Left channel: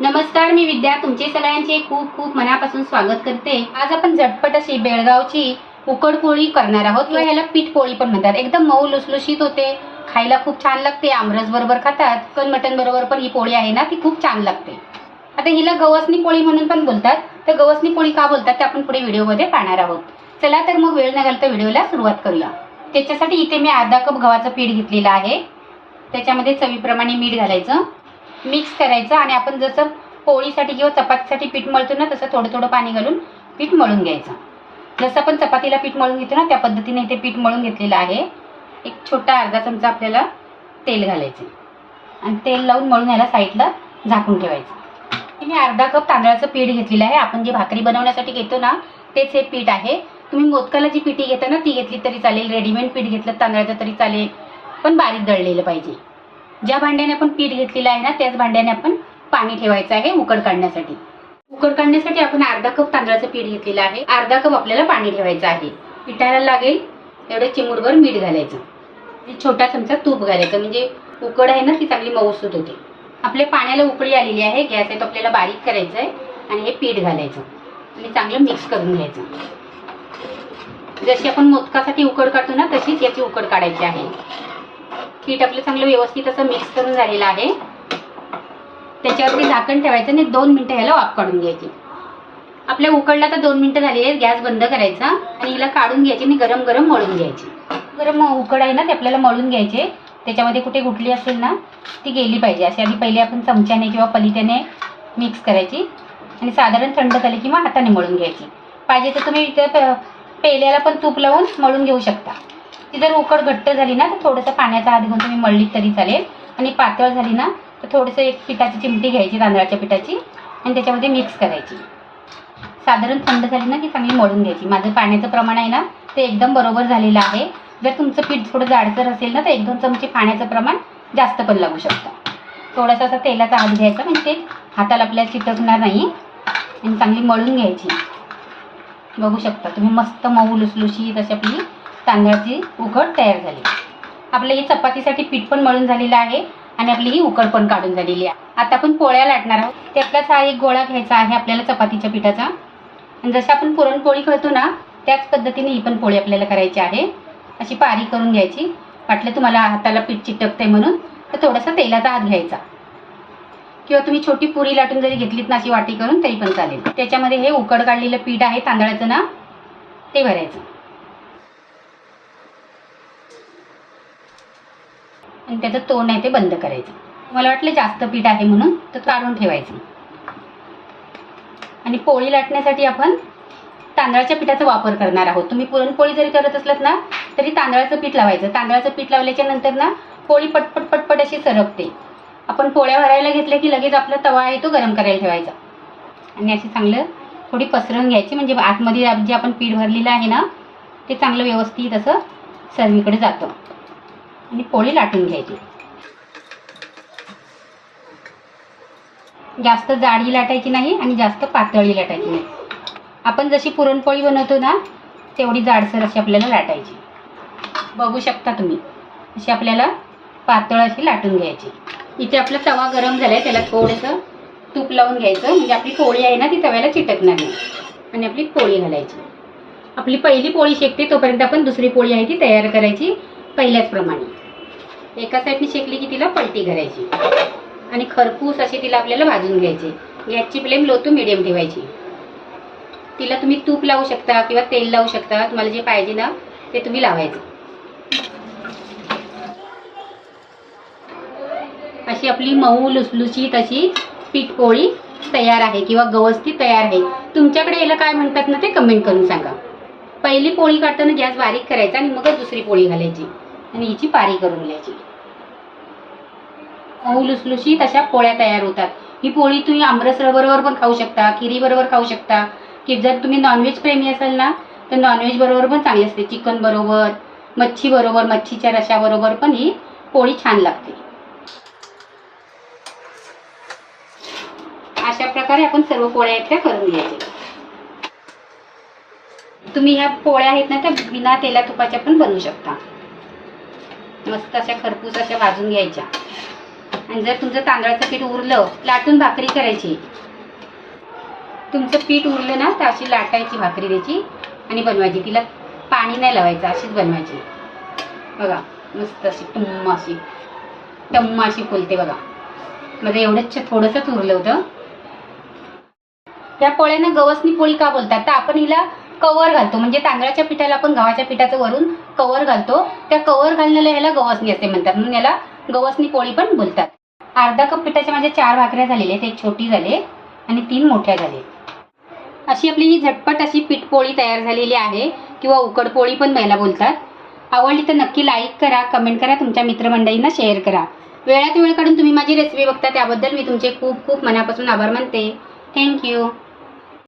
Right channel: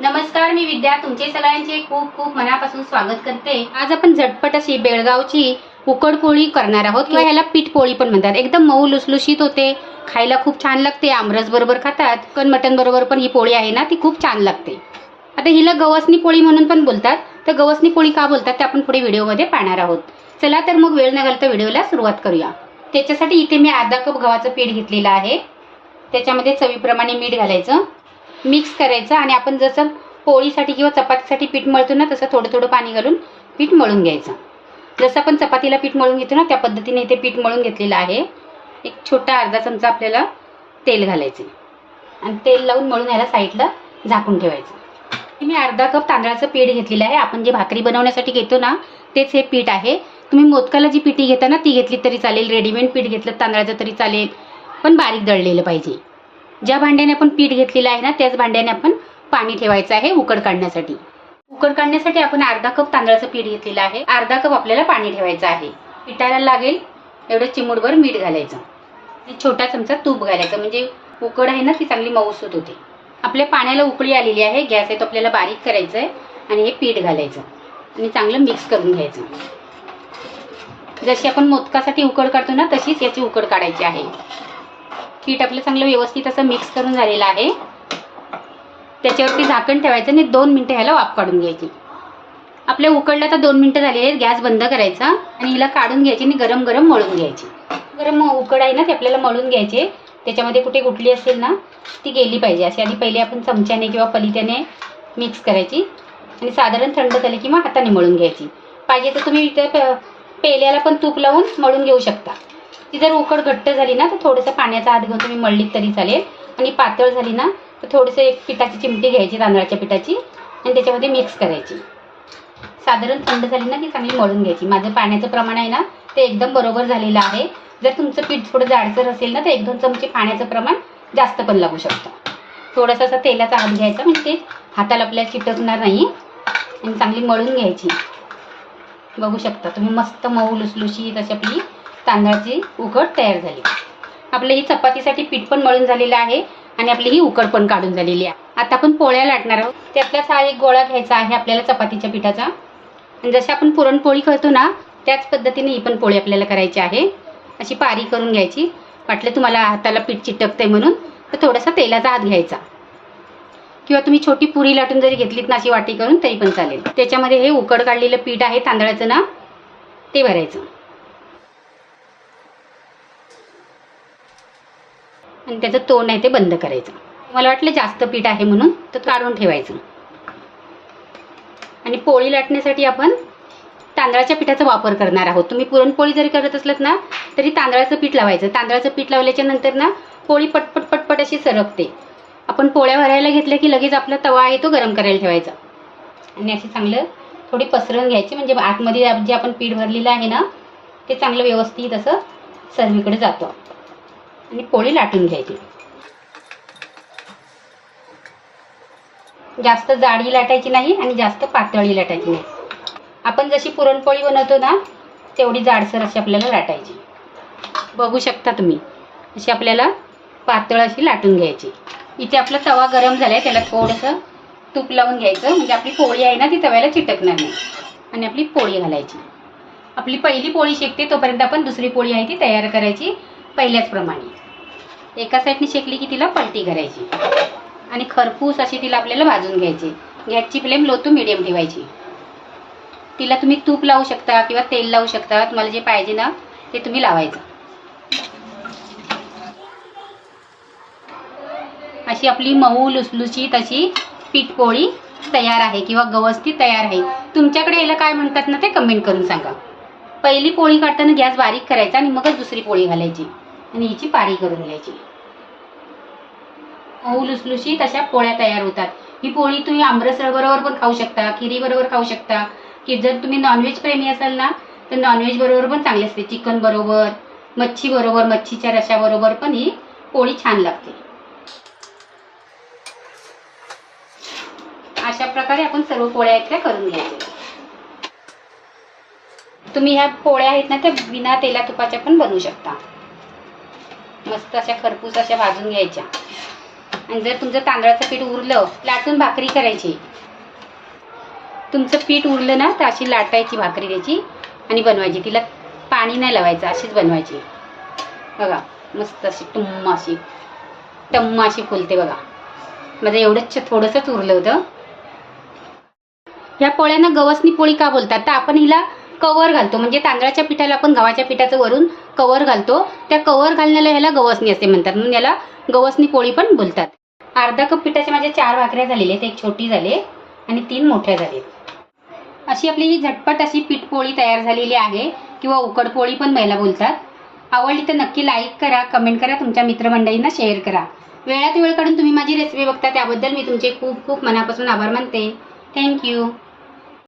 नमस्कार मी विद्या. तुमचे सगळ्यांचे खूप खूप मनापासून स्वागत करते. आज आपण झटपट अशी बेळगावची उकड पोळी करणार आहोत किंवा ह्याला पीठ पोळी पण म्हणतात. एकदम मऊ लुसलुशीत होते. खायला खूप छान लागते. आमरस बरोबर खातात. पण मटन बरोबर पण ही पोळी आहे ना ती खूप छान लागते. आता हिला गवसनी पोळी म्हणून पण बोलतात. तर गवसनी पोळी का बोलतात ते आपण पुढे व्हिडिओमध्ये पाहणार आहोत. चला तर मग वेळ न घालता व्हिडिओला सुरुवात करूया. त्याच्यासाठी इथे मी अर्धा कप गव्हाचं पीठ घेतलेलं आहे. त्याच्यामध्ये चवीप्रमाणे मीठ घालायचं. मिक्स करायचं आणि आपण जसं पोळीसाठी किंवा चपातीसाठी पीठ मळतो ना तसं थोडं थोडं पाणी घालून पीठ मळून घ्यायचं. जसं आपण चपातीला पीठ मळून घेतो ना त्या पद्धतीने इथे पीठ मळून घेतलेलं आहे. एक छोटा अर्धा चमचा आपल्याला तेल घालायचं आणि तेल लावून मळून याला साईडला झाकून ठेवायचं. मी अर्धा कप तांदळाचं पीठ घेतलेलं आहे. आपण जे भाकरी बनवण्यासाठी घेतो ना तेच हे पीठ आहे. तुम्ही मोदकाला जी पिठी घेता ना ती घेतली तरी चालेल. रेडीमेड पीठ घेतलं तांदळाचं तरी चालेल. पण बारीक दळलेलं पाहिजे. ज्या भांड्याने आपण पीठ घेतलेलं आहे ना त्याच भांड्याने आपण पाणी ठेवायचं आहे उकड काढण्यासाठी. उकड काढण्यासाठी आपण अर्धा कप तांदळाचं पीठ घेतलेलं आहे. अर्धा कप आपल्याला पाणी ठेवायचं आहे. पिठाला लागेल एवढं चिमूटभर मीठ घालायचं. आणि छोटा चमचा तूप घालायचं. म्हणजे उकड आहे ना ती चांगली मऊसूत होते. आपल्या पाण्याला उकळी आलेली आहे. गॅस आहे तो आपल्याला बारीक करायचं आहे आणि हे पीठ घालायचं. आणि चांगलं मिक्स करून घ्यायचं. जशी आपण मोदकासाठी उकड काढतो ना तशीच याची उकड काढायची आहे. पीठ आपलं चांगलं व्यवस्थित असं मिक्स करून झालेलं आहे. त्याच्यावरती झाकण ठेवायचं आणि दोन मिनटं ह्याला वाफ काढून घ्यायची. आपल्या उकडला तर दोन मिनटं झाली आहेत गॅस बंद करायचा आणि हिला काढून घ्यायची आणि गरम गरम मळून घ्यायची. गरम उकड आहे ना ते आपल्याला मळून घ्यायचे. त्याच्यामध्ये कुठे गुटली असेल ना ती गेली पाहिजे. अशी आधी पहिले आपण चमच्याने किंवा पलित्याने मिक्स करायची आणि साधारण थंड झाली किंवा हाताने मळून घ्यायची. पाहिजे तर तुम्ही इथं पेल्याला पण तूप लावून मळून घेऊ शकता. ती जर उकड घट्ट झाली ना तर थोडंसं पाण्याचा हात घेऊन तुम्ही मळलीत तरी चालेल. आणि पातळ झाली ना तर थोडंसं एक पिठाची चिमटी घ्यायची तांदळाच्या पिठाची आणि त्याच्यामध्ये मिक्स करायची. साधारण थंड झाली ना ती चांगली मळून घ्यायची. माझं पाण्याचं प्रमाण आहे ना ते एकदम बरोबर झालेलं आहे. जर तुमचं पीठ थोडं जाडसर असेल ना तर एक दोन चमचे पाण्याचं प्रमाण जास्त पण लागू शकतं. थोडासा असा तेलाचा हात घ्यायचा म्हणजे ते हाताला आपल्याला चिटकणार नाही. आणि चांगली मळून घ्यायची. बघू शकता तुम्ही मस्त मऊ लुसलुशीत अशी आपली तांदळाची उकड तयार झाली. आपलं ही चपातीसाठी पीठ पण मळून झालेलं आहे आणि आपली ही उकड पण काढून झालेली आहे. आता आपण पोळ्या लाटणार आहोत. त्यातलाच हा एक गोळा घ्यायचा आहे आपल्याला चपातीच्या पिठाचा. आणि जसं आपण पुरणपोळी करतो ना त्याच पद्धतीने ही पण पोळी आपल्याला करायची आहे. अशी पारी करून घ्यायची. वाटलं तुम्हाला हाताला पीठ चिटकतंय म्हणून तर थोडासा तेलाचा हात घ्यायचा. किंवा तुम्ही छोटी पुरी लाटून जरी घेतलीत ना अशी वाटी करून तरी पण चालेल. त्याच्यामध्ये हे उकड काढलेलं पीठ आहे तांदळाचं ना ते भरायचं. आणि त्याचं तोंड आहे ते बंद करायचं. मला वाटलं जास्त पीठ आहे म्हणून तर काढून ठेवायचं. आणि पोळी लाटण्यासाठी आपण तांदळाच्या पिठाचा वापर करणार आहोत. तुम्ही पुरणपोळी जरी करत असलात ना तरी तांदळाचं पीठ लावायचं. तांदळाचं पीठ लावल्याच्या नंतर ना पोळी पटपट पटपट अशी सरकते. आपण पोळ्या भरायला घेतल्या की लगेच आपला तवा आहे तो गरम करायला ठेवायचा. आणि अशी चांगलं थोडी पसरवून घ्यायची. म्हणजे आतमध्ये जे आपण पीठ भरलेलं आहे ना ते चांगलं व्यवस्थित असं सर्वीकडे जातं. आणि पोळी लाटून घ्यायची. जास्त जाडी लाटायची नाही आणि जास्त पातळी लाटायची नाही. आपण जशी पुरणपोळी बनवतो ना तेवढी जाडसर अशी आपल्याला लाटायची. बघू शकता तुम्ही अशी आपल्याला पातळ अशी लाटून घ्यायची. इथे आपला तवा गरम झालाय त्याला थोडंसं तूप लावून घ्यायचं. म्हणजे आपली पोळी आहे ना ती तव्याला चिटकणार नाही. आणि आपली पोळी घालायची. आपली पहिली पोळी शेकते तोपर्यंत आपण दुसरी पोळी आहे ती तयार करायची पहिल्याचप्रमाणे एका साईडने शेकली की तिला पलटी करायची. आणि खरपूस अशी तिला आपल्याला भाजून घ्यायची. गॅसची फ्लेम लो टू मिडियम ठेवायची. तिला तुम्ही तूप लावू शकता किंवा तेल लावू शकता. तुम्हाला जे पाहिजे ना ते तुम्ही लावायचं. अशी आपली मऊ लुसलुशीत अशी पीठपोळी तयार आहे किंवा गवस्ती तयार आहे. तुमच्याकडे याला काय म्हणतात ना ते कमेंट करून सांगा. पहिली पोळी काढताना गॅस बारीक करायचा आणि मगच दुसरी पोळी घालायची. आणि हिची पारी करून घ्यायची. मऊ लुसलुशीत अशा पोळ्या तयार होतात. ही पोळी तुम्ही आमरसळ बरोबर पण खाऊ शकता खिरी बरोबर खाऊ शकता. की जर तुम्ही नॉनव्हेज प्रेमी असाल ना तर नॉनव्हेज बरोबर पण चांगली असते. चिकन बरोबर मच्छी बरोबर मच्छीच्या रशाबरोबर पण ही पोळी छान लागते. अशा प्रकारे आपण सर्व पोळ्या इथल्या करून घ्यायच्या. तुम्ही ह्या पोळ्या आहेत ना त्या बिना तेला तुपाच्या पण बनवू शकता. मस्त अशा खरपूस अशा भाजून घ्यायच्या. आणि जर तुमचं तांदळाचं पीठ उरलं लाटून भाकरी करायची. तुमचं पीठ उरलं ना तर अशी लाटायची भाकरी त्याची आणि बनवायची. तिला पाणी नाही लावायचं अशीच बनवायची. बघा मस्त अशी टुम्म अशी टम्म अशी फुलते बघा. माझं एवढंच थोडंसंच उरलं होतं. या पोळ्यांना गवसनी पोळी का बोलतात? तर आपण हिला कवर घालतो. म्हणजे तांदळाच्या पिठाला आपण गव्हाच्या पिठाचं वरून कवर घालतो. त्या कवर घालण्याला ह्याला गवसणी असे म्हणतात. म्हणून याला गवसनी पोळी पण बोलतात. अर्धा कप पिठाच्या माझ्या चार भाकऱ्या झालेल्या आहेत एक छोटी झाले आणि तीन मोठ्या झाले अशी आपली ही झटपट अशी पीठपोळी तयार झालेली आहे किंवा उकडपोळी पण महिला बोलतात. आवडली तर नक्की लाईक करा कमेंट करा तुमच्या मित्रमंडळींना शेअर करा. वेळात वेळ काढून तुम्ही माझी रेसिपी बघता त्याबद्दल मी तुमचे खूप खूप मनापासून आभार मानते. थँक्यू